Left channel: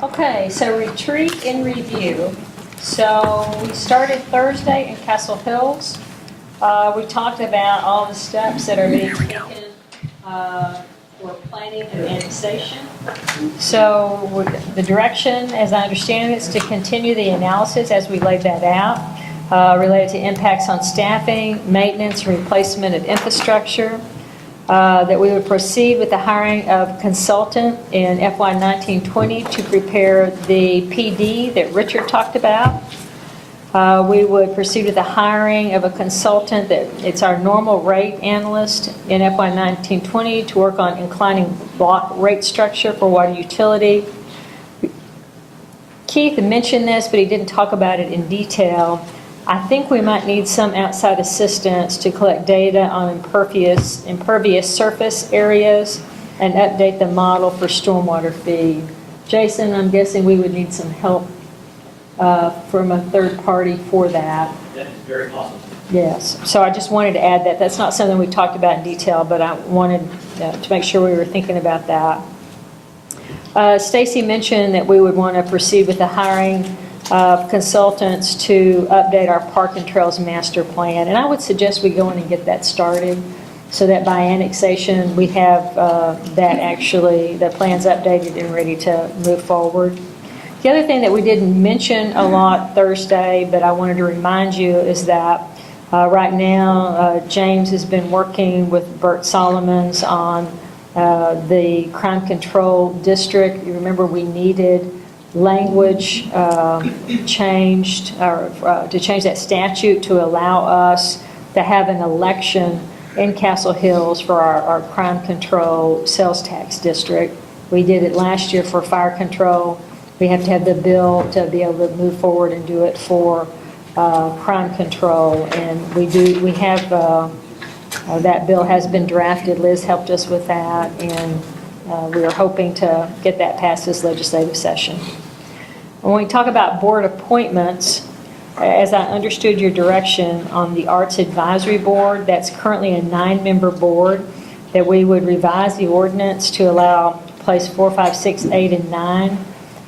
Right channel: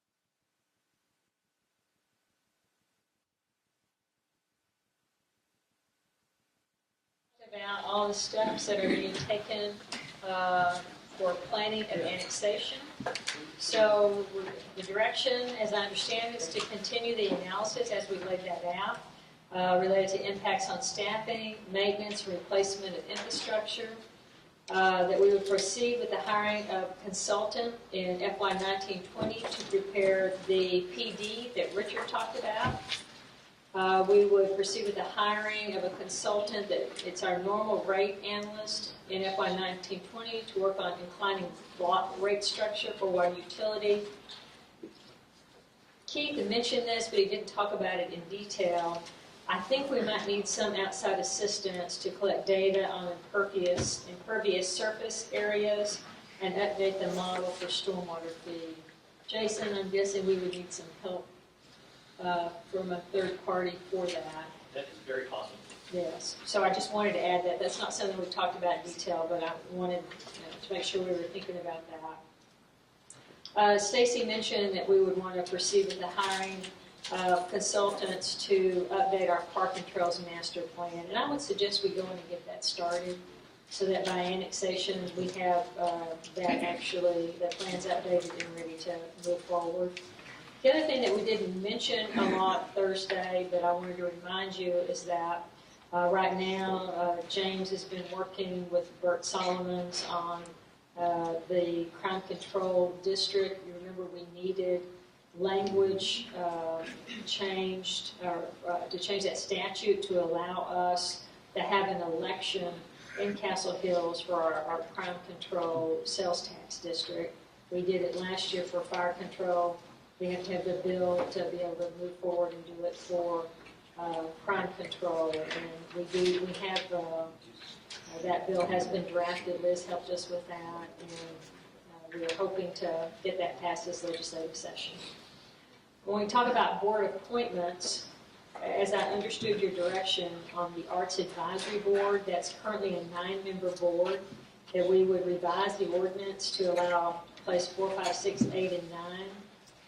Okay, so retreat and review. So we started Thursday in Castle Hills. We talked about all the steps that are being taken for planning and annexation. So the direction, as I understand it, is to continue the analysis as we laid that out, related to impacts on staffing, maintenance, and replacement of infrastructure. That we would proceed with the hiring of consultant in FY 1920 to prepare the PD that Richard talked about. We would proceed with the hiring of a consultant that it's our normal rate analyst in FY 1920 to work on inclining block rate structure for water utility. Keith mentioned this, but he didn't talk about it in detail. I think we might need some outside assistance to collect data on impervious surface areas and update the model for stormwater feed. Jason, I'm guessing we would need some help from a third party for that. That's very possible. Yes, so I just wanted to add that. That's not something we talked about in detail, but I wanted to make sure we were thinking about that. Stacy mentioned that we would want to proceed with the hiring of consultants to update our Park and Trails Master Plan. And I would suggest we go in and get that started so that by annexation, we have the plans updated and ready to move forward. The other thing that we didn't mention a lot Thursday, but I wanted to remind you, is that right now, James has been working with Bert Solomons on the crime control district. You remember we needed language changed to change that statute to allow us to have an election in Castle Hills for our crime control sales tax district. We did it last year for fire control. We have to have the bill to be able to move forward and do it for crime control, and we have that bill has been drafted. Liz helped us with that, and we are hoping to get that passed this legislative session. When we talk about board appointments, as I understood your direction on the Arts Advisory Board, that's currently a 9-member board, that we would revise the ordinance to allow place 4, 5, 6, 8, and 9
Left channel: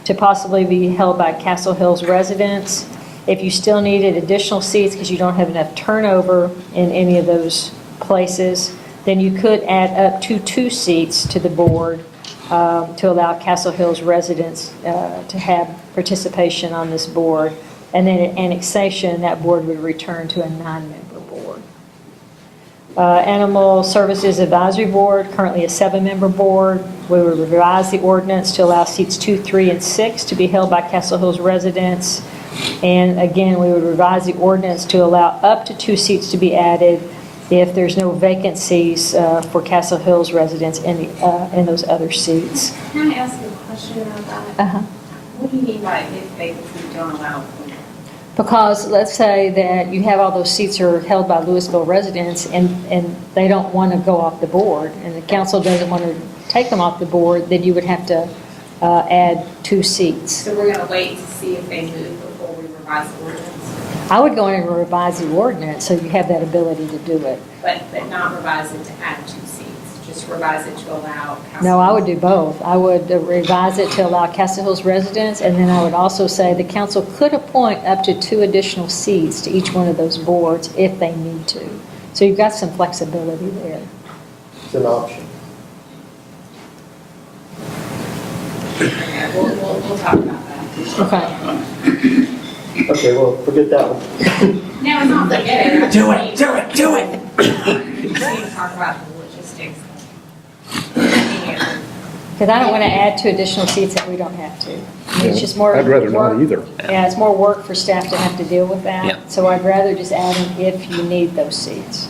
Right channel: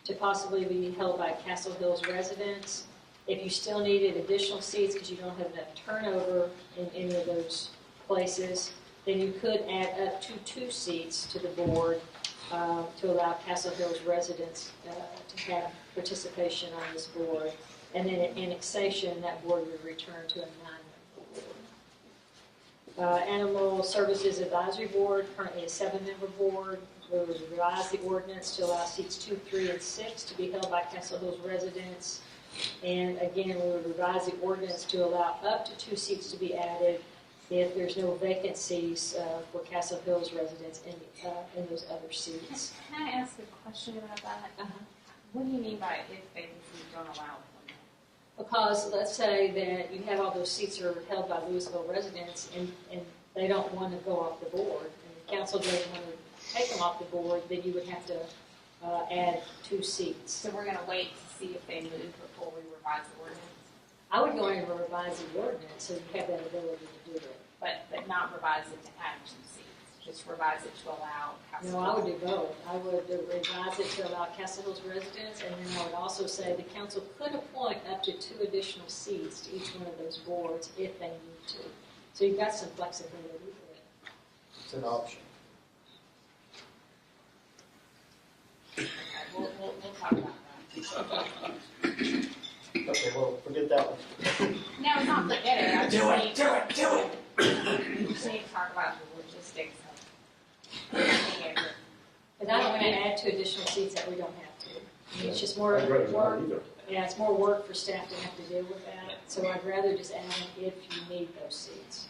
to possibly be held by Castle Hills residents. If you still needed additional seats because you don't have enough turnover in any of those places, then you could add up to 2 seats to the board to allow Castle Hills residents to have participation on this board. And then at annexation, that board would return to a 9-member board. Animal Services Advisory Board, currently a 7-member board. We would revise the ordinance to allow seats 2, 3, and 6 to be held by Castle Hills residents. And again, we would revise the ordinance to allow up to 2 seats to be added if there's no vacancies for Castle Hills residents in those other seats. Can I ask you a question about that? Uh-huh. What do you mean by if vacancies don't allow? Because let's say that you have all those seats are held by Louisville residents and they don't want to go off the board, and the council doesn't want to take them off the board, then you would have to add 2 seats. So we're going to wait to see if they move before we revise the ordinance? I would go in and revise the ordinance so you have that ability to do it. But not revise it to add 2 seats, just revise it to allow. No, I would do both. I would revise it to allow Castle Hills residents, and then I would also say the council could appoint up to 2 additional seats to each one of those boards if they need to. So you've got some flexibility there. It's an option. Okay, we'll talk about that. Okay. Okay, well, forget that one. No, it's not forget it. Do it. We need to talk about the logistics. Because I don't want to add 2 additional seats that we don't have to. I mean, it's just more. I'd rather not work. either. Yeah, it's more work for staff to have to deal with that. Yeah. So I'd rather just add them if you need those seats.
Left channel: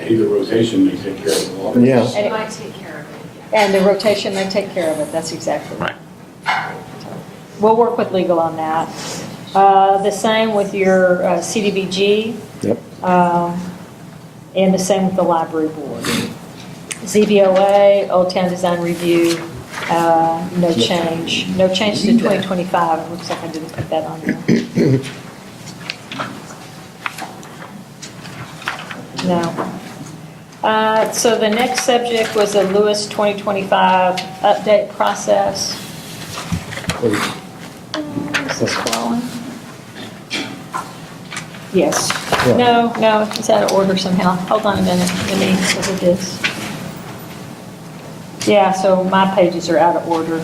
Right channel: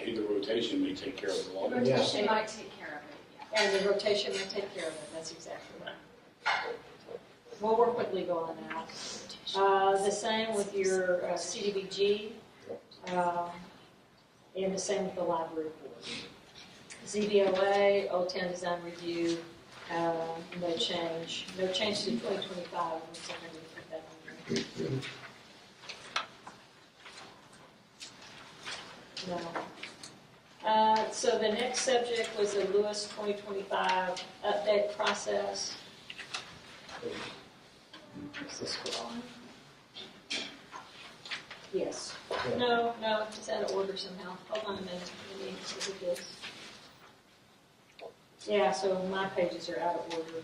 Either rotation may take care of the law. Yeah. She might take care of it. And the rotation may take care of it. That's exactly Right. We'll work with legal on that. The same with your CDBG. Yep. And the same with the library board. ZBOA, Old Town Design Review, no change. No change to 2025. It looks like I didn't put that on there. No. So the next subject was the Lewis 2025 update process. please. Is this scrolling? Yes. Yeah. No, it's out of order somehow. Hold on a minute, let me look at this. Yeah, so my pages are out of order.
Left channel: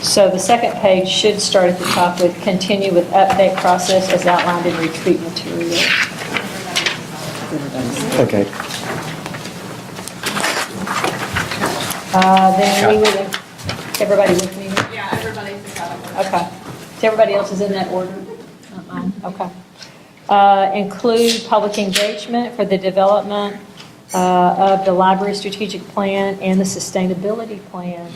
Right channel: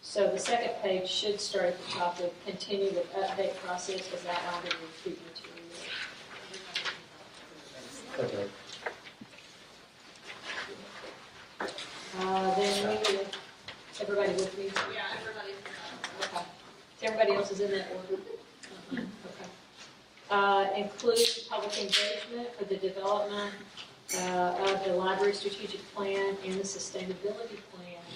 So the second page should start at the top with continue with update process as outlined in retreat material. Okay. Then we would, everybody with me? Yeah, everybody's got it. Okay. So everybody else is in that order? Okay. Include public engagement for the development of the library strategic plan and the sustainability plan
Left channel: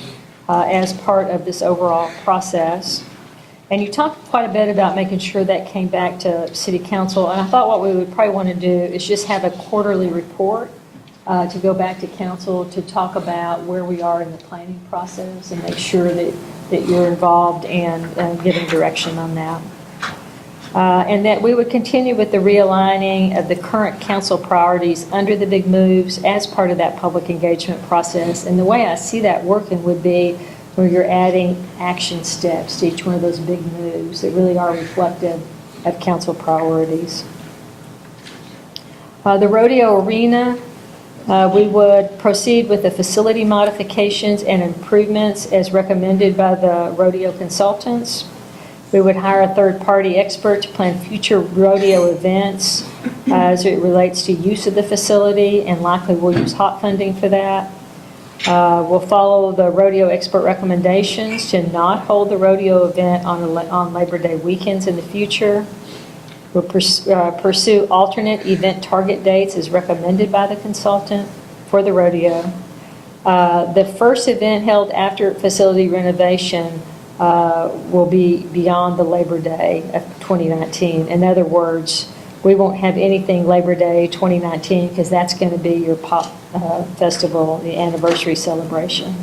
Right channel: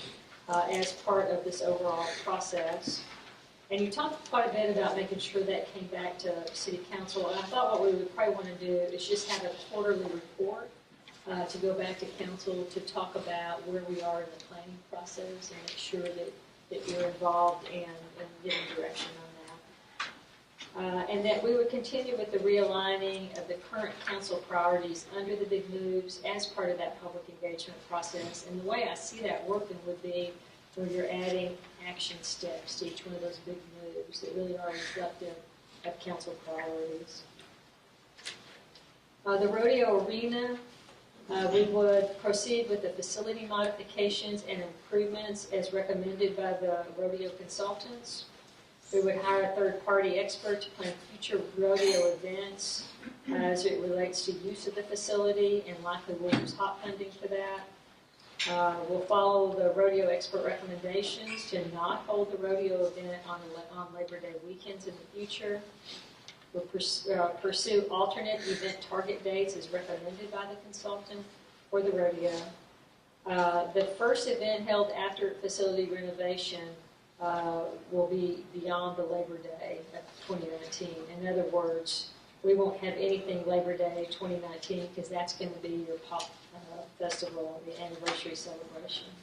as part of this overall process. And you talked quite a bit about making sure that came back to city council. And I thought what we would probably want to do is just have a quarterly report to go back to council to talk about where we are in the planning process and make sure that you're involved and giving direction on that. And that we would continue with the realigning of the current council priorities under the big moves as part of that public engagement process. And the way I see that working would be where you're adding action steps to each one of those big moves that really are reflective of council priorities. The rodeo arena, we would proceed with the facility modifications and improvements as recommended by the rodeo consultants. We would hire a third-party expert to plan future rodeo events as it relates to use of the facility, and likely we'll use hot funding for that. We'll follow the rodeo expert recommendations to not hold the rodeo event on Labor Day weekends in the future. We'll pursue alternate event target dates as recommended by the consultant for the rodeo. The first event held after facility renovation will be beyond the Labor Day of 2019. In other words, we won't have anything Labor Day 2019 because that's going to be your pop festival, the anniversary celebration.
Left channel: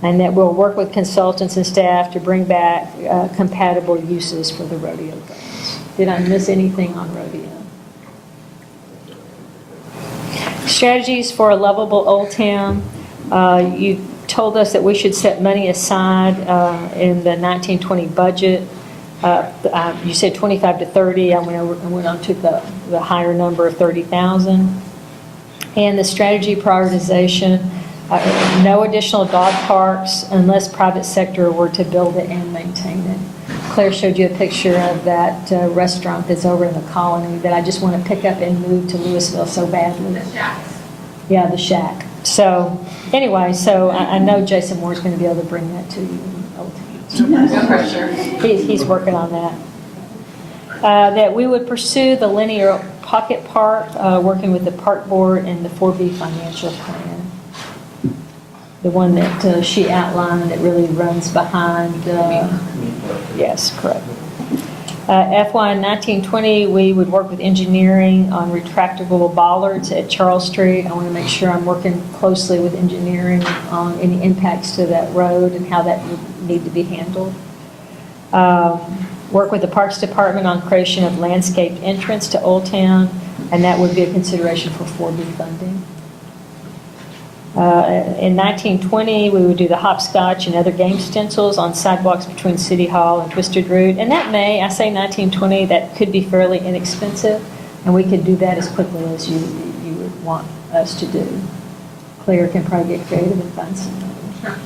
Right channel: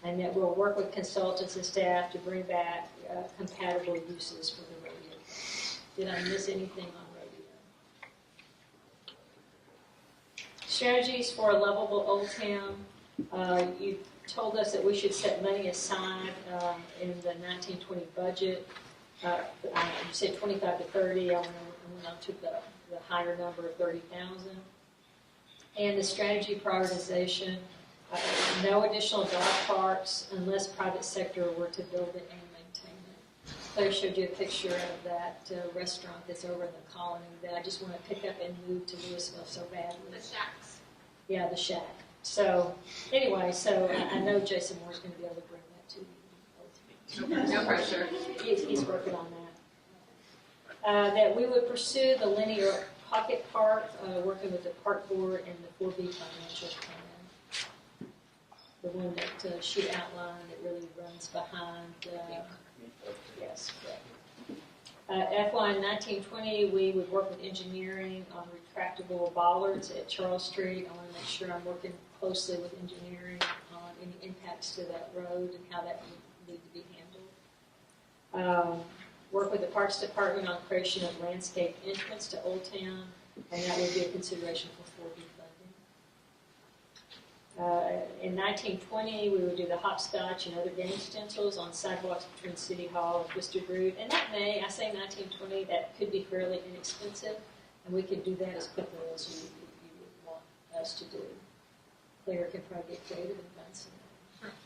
And that we'll work with consultants and staff to bring back compatible uses for the rodeo grounds. Did I miss anything on rodeo? Strategies for a lovable Old Town. You told us that we should set money aside in the 1920 budget. You said 25 to 30. I went on took the higher number of 30,000. And the strategy prioritization, no additional dog parks unless private sector were to build it and maintain it. Claire showed you a picture of that restaurant that's over in the Colony that I just want to pick up and move to Louisville so badly. The shacks. Yeah, the shack. So anyway, so I know Jason Moore's going to be able to bring that to you. No pressure. He's working on that. That we would pursue the linear pocket park, working with the park board and the 4B financial plan. The one that she outlined that really runs behind, yes, correct. FY 1920, we would work with engineering on retractable bollards at Charles Street. I want to make sure I'm working closely with engineering on any impacts to that road and how that would need to be handled. Work with the Parks Department on creation of landscaped entrance to Old Town, and that would be a consideration for 4B funding. In 1920, we would do the hopscotch and other game stencils on sidewalks between City Hall and Twisted Root. And that I say 1920, that could be fairly inexpensive, and we could do that as quickly as you would want us to do. Claire can probably get creative and find some money.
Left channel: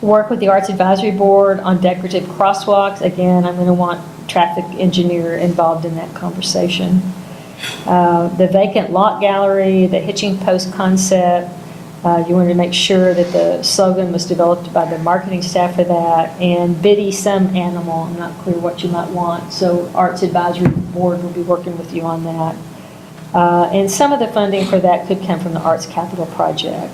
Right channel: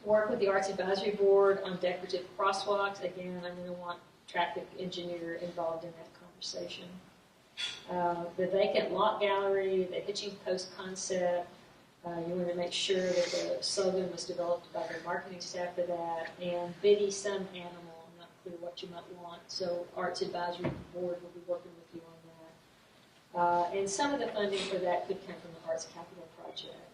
Work with the Arts Advisory Board on decorative crosswalks. Again, I'm going to want traffic engineer involved in that conversation. The vacant lot gallery, the hitching post concept, you wanted to make sure that the slogan was developed by the marketing staff for that, and Biddy some animal. I'm not clear what you might want, so Arts Advisory Board will be working with you on that. And some of the funding for that could come from the Arts Capital Project.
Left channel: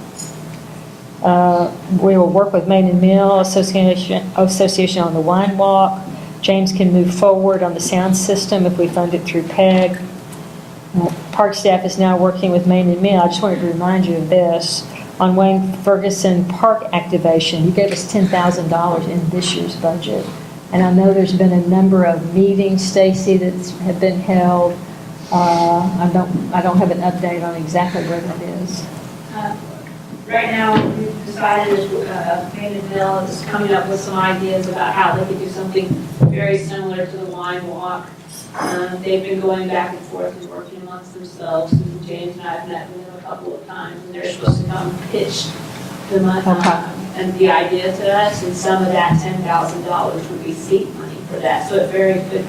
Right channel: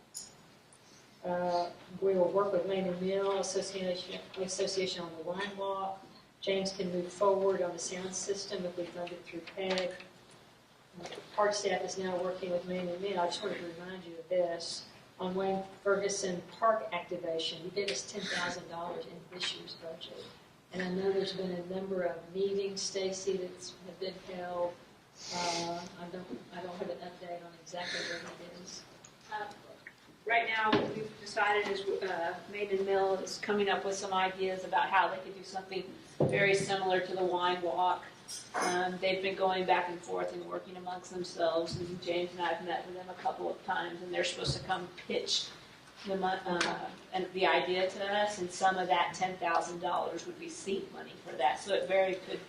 We will work with Main and Mill Association on the Wine Walk. James can move forward on the sound system if we fund it through PEG. Park staff is now working with Main and Mill. I just wanted to remind you of this. On Wayne Ferguson Park activation, you gave us $10,000 in this year's budget. And I know there's been a number of meetings, Stacy, that have been held. I don't have an update on exactly where that is. Right now, we've decided excited as Mandeville is coming up with some ideas about how they could do something very similar to the wine walk. They've been going back and forth and working amongst themselves. And James and I have met with them a couple of times, and they're supposed to come pitch the money Okay. and the idea to us, and some of that $10,000 would be seed money for that. So it very could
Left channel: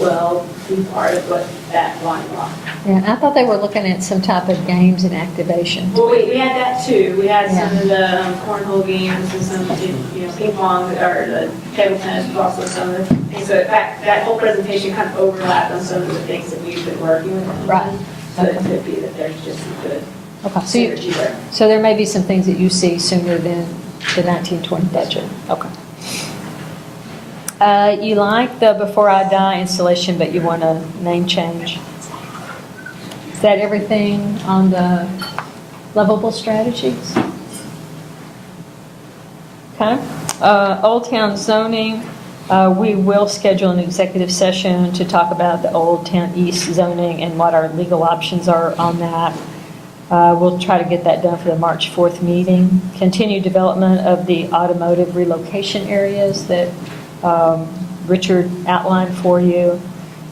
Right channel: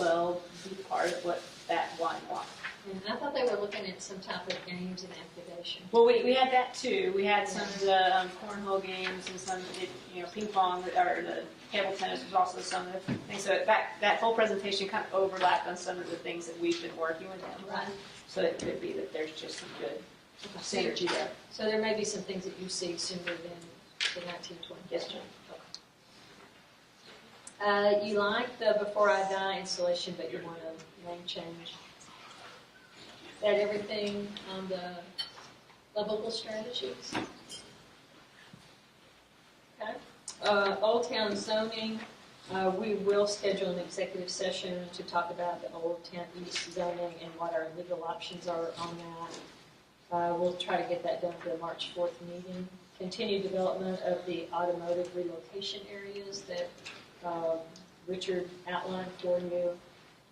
well be part of what that wine walk. Yeah, I thought they were looking at some type of games and activation. Well, we had that too. We had some of the cornhole games and some, ping pong or the table tennis, but also some of the things. So in fact, that whole presentation kind of overlapped on some of the things that we've been working with. them Right. on. So it could be that there's just some good Okay, synergy there. so there may be some things that you see sooner than the 1920 budget. Okay. You like the Before I Die installation, but you want a name change. Is that everything on the lovable strategies? Okay. Old Town zoning, we will schedule an executive session to talk about the Old Town East zoning and what our legal options are on that. We'll try to get that done for the March 4th meeting. Continue development of the automotive relocation areas that Richard outlined for you.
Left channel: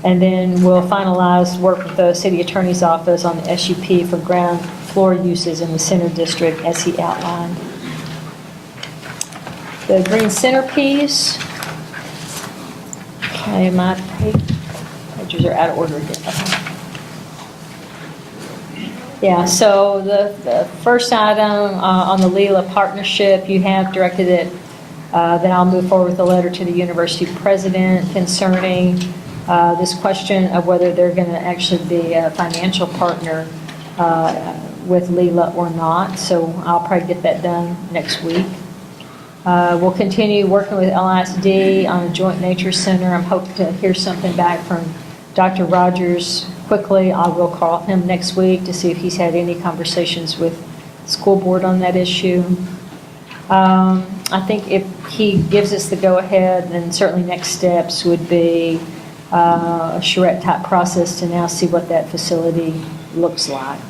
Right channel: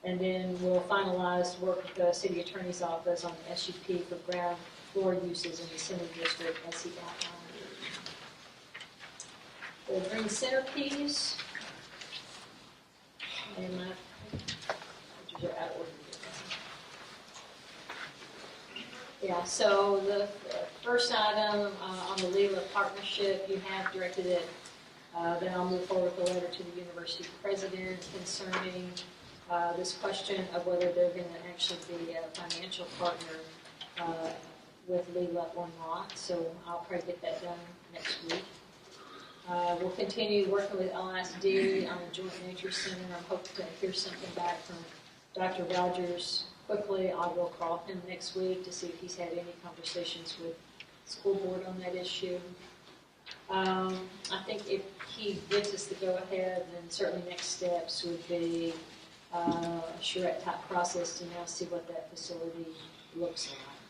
And then we'll finalize work with the city attorney's office on the SUP for ground floor uses in the center district as he outlined. The green centerpiece. Okay, my pages are out of order again. Okay. Yeah, so the first item on the Leela partnership, you have directed it, that I'll move forward with a letter to the university president concerning this question of whether they're going to actually be a financial partner with Leela or not. So I'll probably get that done next week. We'll continue working with LISD on a joint nature center. I'm hoping to hear something back from Dr. Rogers quickly. I will call him next week to see if he's had any conversations with the school board on that issue. I think if he gives us the go-ahead, then certainly next steps would be a charrette type process to now see what that facility looks like.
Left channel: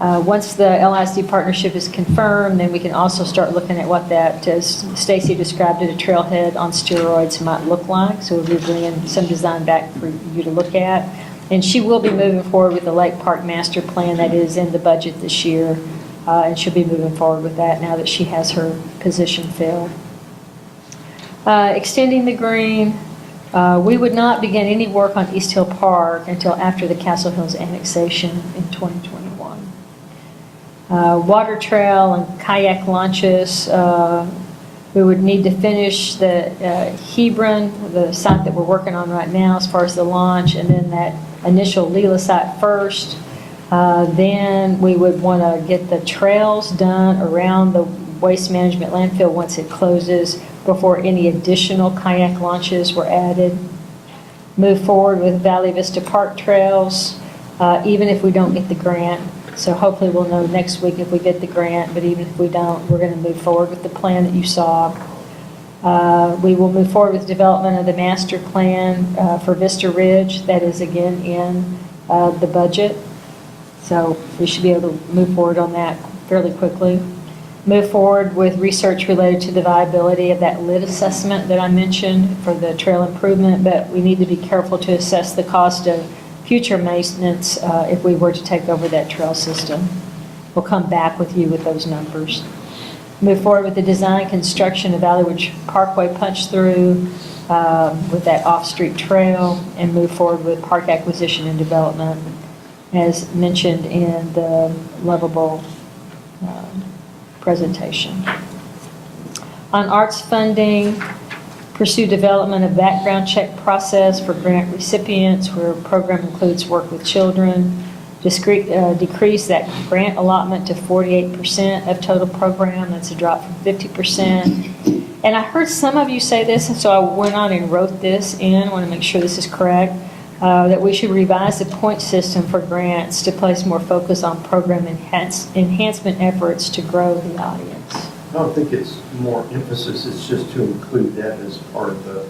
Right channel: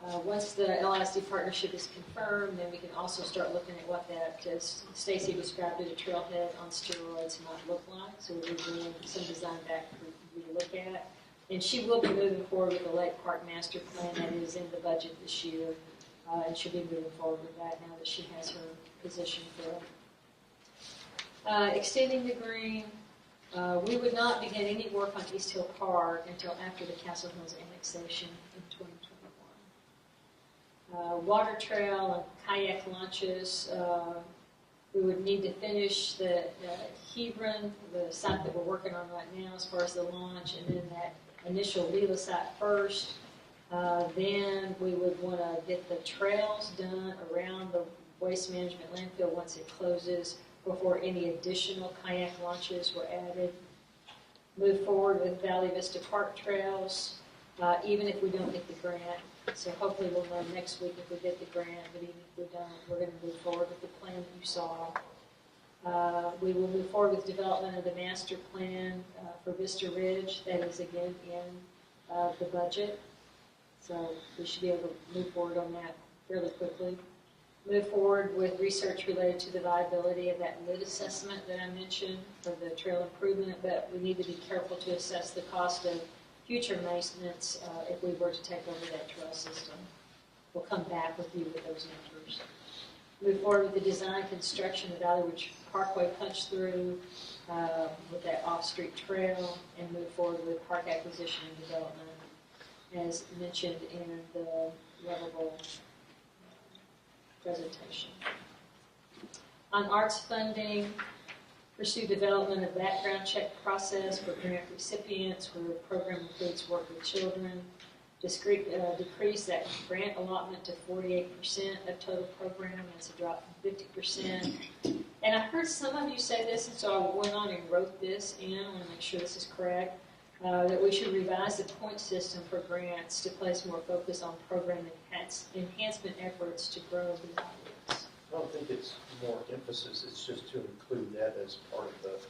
Once the LISD partnership is confirmed, then we can also start looking at what that, as Stacy described it, a trailhead on steroids might look like. So we'll be bringing some design back for you to look at. And she will be moving forward with the Lake Park Master Plan that is in the budget this year. And she'll be moving forward with that now that she has her position filled. Extending the green. We would not begin any work on East Hill Park until after the Castle Hills annexation in 2021. Water trail and kayak launches. We would need to finish the Hebron, the site that we're working on right now as far as the launch, and then that initial Leela site first. Then we would want to get the trails done around the waste management landfill once it closes before any additional kayak launches were added. Move forward with Valley Vista Park trails, even if we don't get the grant. So hopefully we'll know next week if we get the grant, but even if we don't, we're going to move forward with the plan that you saw. We will move forward with development of the master plan for Vista Ridge. That is again in the budget. So we should be able to move forward on that fairly quickly. Move forward with research related to the viability of that lid assessment that I mentioned for the trail improvement, but we need to be careful to assess the cost of future maintenance if we were to take over that trail system. We'll come back with you with those numbers. Move forward with the design construction of Valley Ridge Parkway punch through with that off-street trail, and move forward with park acquisition and development as mentioned in the Lovable presentation. On arts funding, pursue development of background check process for grant recipients where program includes work with children. Decrease that grant allotment to 48% of total program. That's a drop from 50%. And I heard some of you say this, and so I went on and wrote this in. I want to make sure this is correct. That we should revise the point system for grants to place more focus on program enhancement efforts to grow the audience. I don't think it's more emphasis, it's just to include that as part of the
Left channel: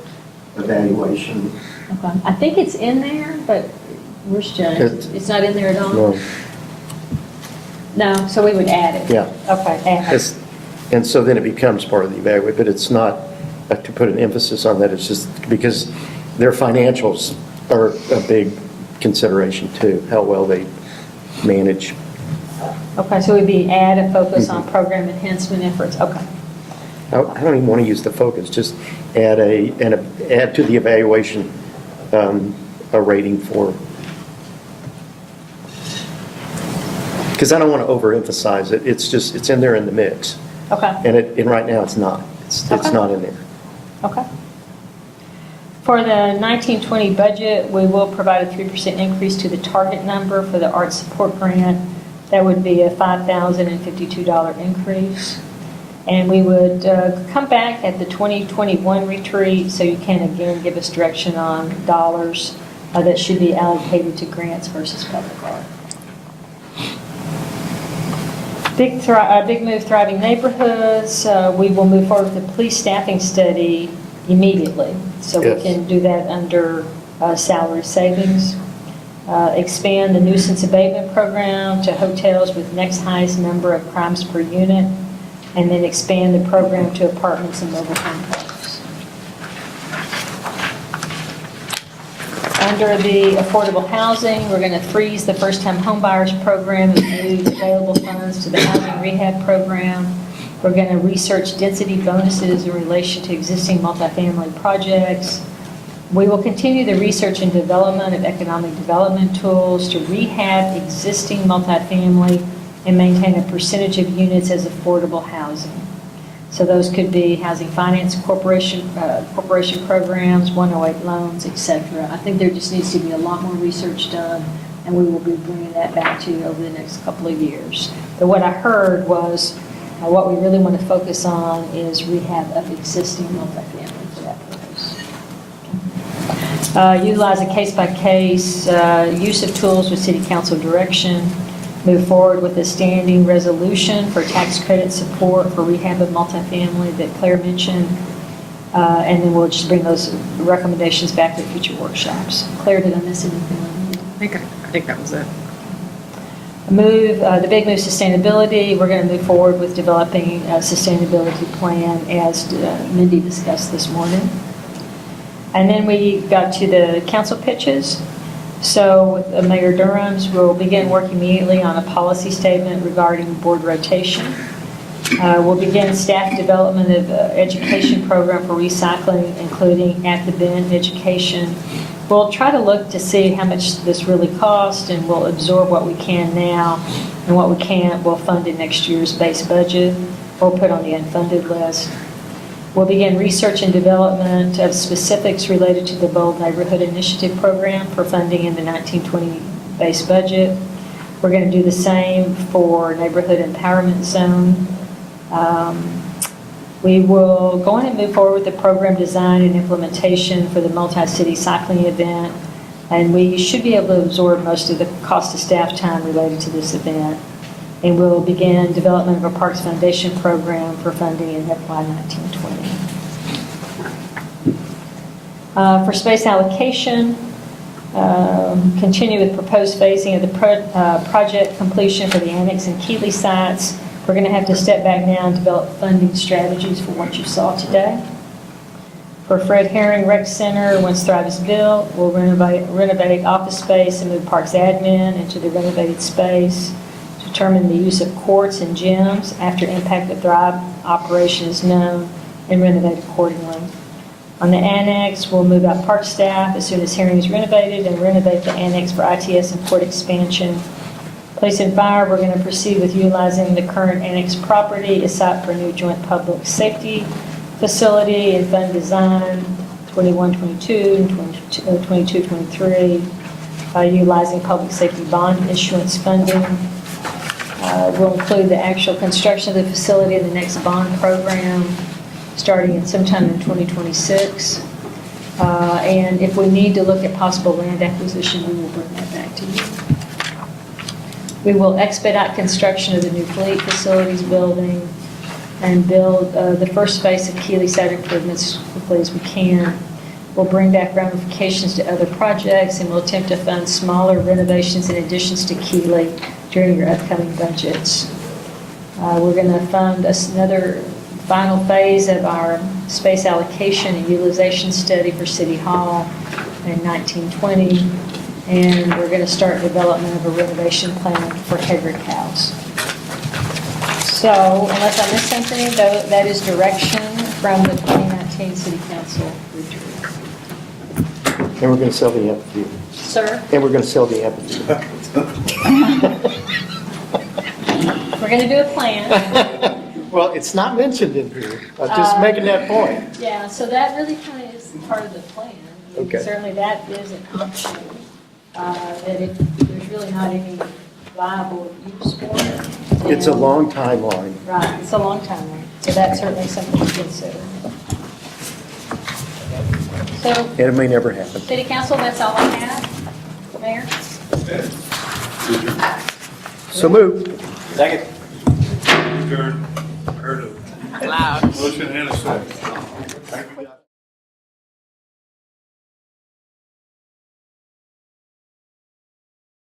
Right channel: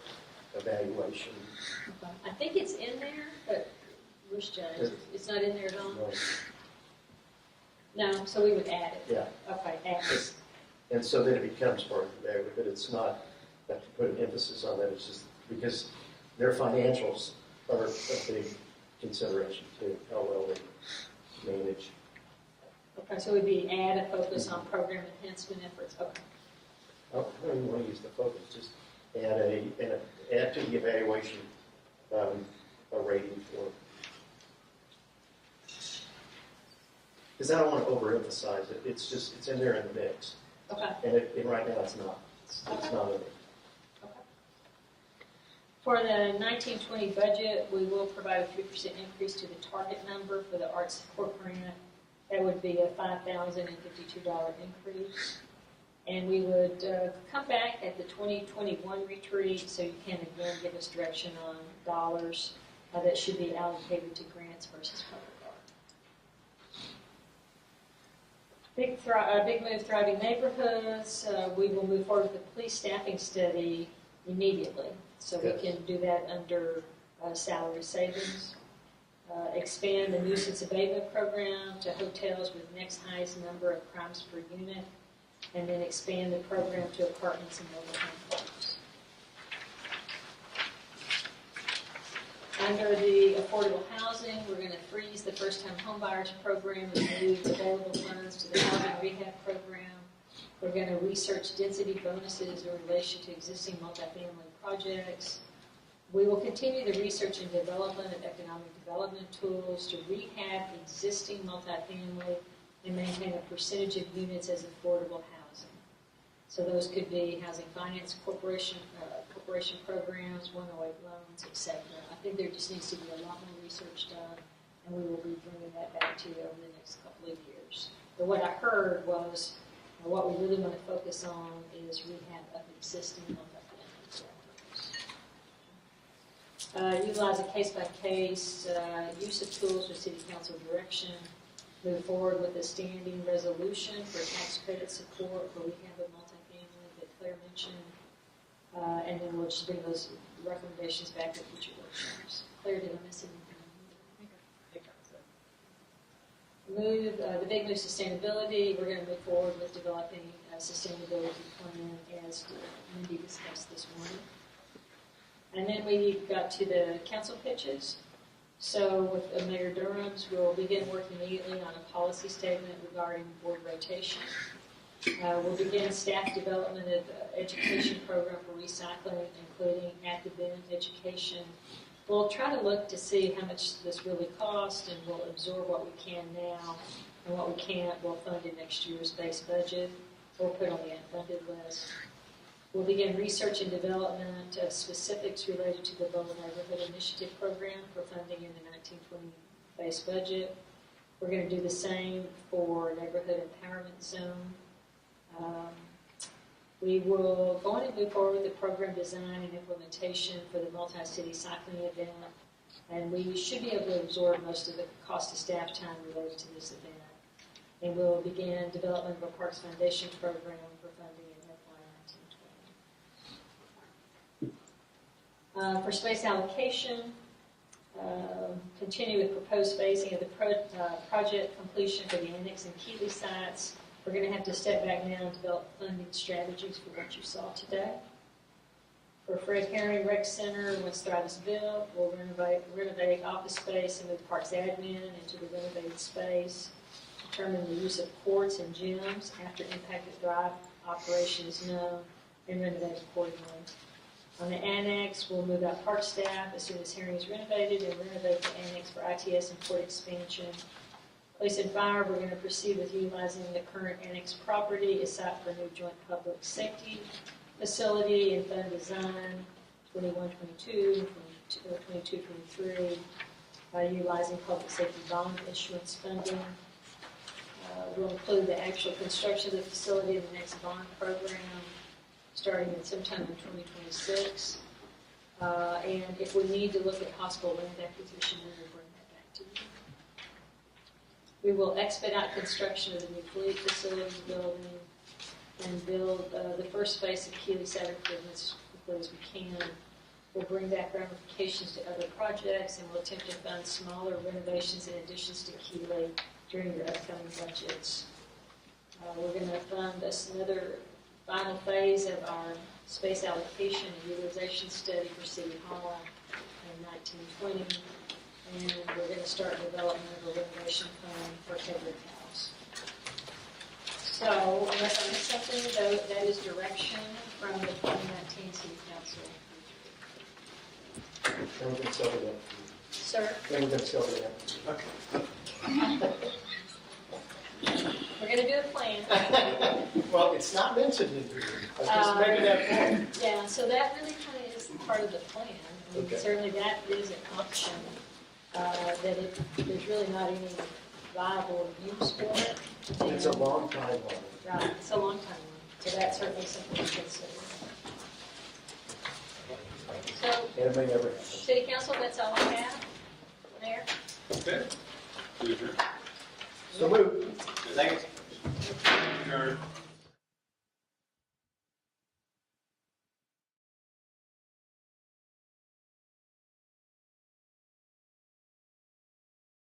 evaluation. Okay. I think it's in there, but where's Jen? It's not in there at all? No. No, so we would add it? Yeah. Okay, add it. And so then it becomes part of the evaluation, but it's not to put an emphasis on that, it's just because their financials are a big consideration too, how well they manage. Okay, so we'd be add a focus on program enhancement efforts, okay. I don't even want to use the focus, just add add to the evaluation a rating for, because I don't want to overemphasize it, it's in there in the mix. Okay. And right now, it's not. It's Okay. not in there. Okay. For the 1920 budget, we will provide a 3% increase to the target number for the art support grant. That would be a $5,052 increase. And we would come back at the 2021 retreat, so you can again give us direction on dollars that should be allocated to grants versus public art. Big Move Thriving Neighborhoods, we will move forward with the police staffing study immediately. So we Yes. can do that under salary savings. Expand the nuisance abatement program to hotels with next highest number of crimes per unit, and then expand the program to apartments and mobile home parks. Under the affordable housing, we're going to freeze the first-time homebuyers program and move available funds to the housing rehab program. We're going to research density bonuses in relation to existing multifamily projects. We will continue the research and development of economic development tools to rehab existing multifamily and maintain a percentage of units as affordable housing. So those could be Housing Finance Corporation programs, 108 loans, et cetera. I think there just needs to be a lot more research done, and we will be bringing that back to you over the next couple of years. But what I heard was what we really want to focus on is rehab of existing multifamily for that purpose. Utilize a case-by-case use of tools with city council direction. Move forward with a standing resolution for tax credit support for rehab of multifamily that Claire mentioned. And then we'll just bring those recommendations back to future workshops. Claire, did I miss anything? I think that was it. The Big Move Sustainability, we're going to move forward with developing a sustainability plan as Mindy discussed this morning. And then we got to the council pitches. So with Mayor Durham's, we'll begin work immediately on a policy statement regarding board rotation. We'll begin staff development of education program for recycling, including at the bin education. We'll try to look to see how much this really costs, and we'll absorb what we can now, and what we can't, we'll fund in next year's base budget or put on the unfunded list. We'll begin research and development of specifics related to the Bold Neighborhood Initiative program for funding in the 1920 base budget. We're going to do the same for Neighborhood Empowerment Zone. We will go on and move forward with the program design and implementation for the multi-city cycling event, and we should be able to absorb most of the cost of staff time related to this event. And we'll begin development of a Parks Foundation program for funding in FY 1920. For space allocation, continue with proposed phasing of the project completion for the annex and Keeley sites. We're going to have to step back now and develop funding strategies for what you saw today. For Fred Herring Rec Center, once Thrive is built, we'll renovate office space and move Parks admin into the renovated space. Determine the use of courts and gyms after impact of Thrive operation is known and renovate accordingly. On the annex, we'll move out park staff as soon as Herring is renovated and renovate the annex for ITS and port expansion. Police and fire, we're going to proceed with utilizing the current annex property as site for a new joint public safety facility and fund design 21-22 and 22-23 by utilizing public safety bond issuance funding. We'll include the actual construction of the facility in the next bond program starting in sometime in 2026. And if we need to look at possible land acquisition, we will bring that back to you. We will expedite construction of the new fleet facilities building and build the first phase of Keeley site improvements as quickly as we can. We'll bring back ramifications to other projects, and we'll attempt to fund smaller renovations and additions to Keeley during your upcoming budgets. We're going to fund another final phase of our space allocation and utilization study for City Hall in 1920, and we're going to start development of a renovation plan for Hedrick House. So unless I missed something, though, that is direction from the 2019 City Council retreat. And we're going to sell the amphitheater. Sir, And we're going to sell the amphitheater. we're going to do a plan. Well, it's not mentioned in here. I'm just making that point. Yeah, so that really kind of is part of the plan. I mean, Okay. certainly that is an option, there's really not any viable use for it. It's a And- long timeline. Right, it's a long time, so that's certainly something to consider. So, And it may never happen. City Council, that's all I have. Mayor? So moved. Second. Heard of. Motion and a second.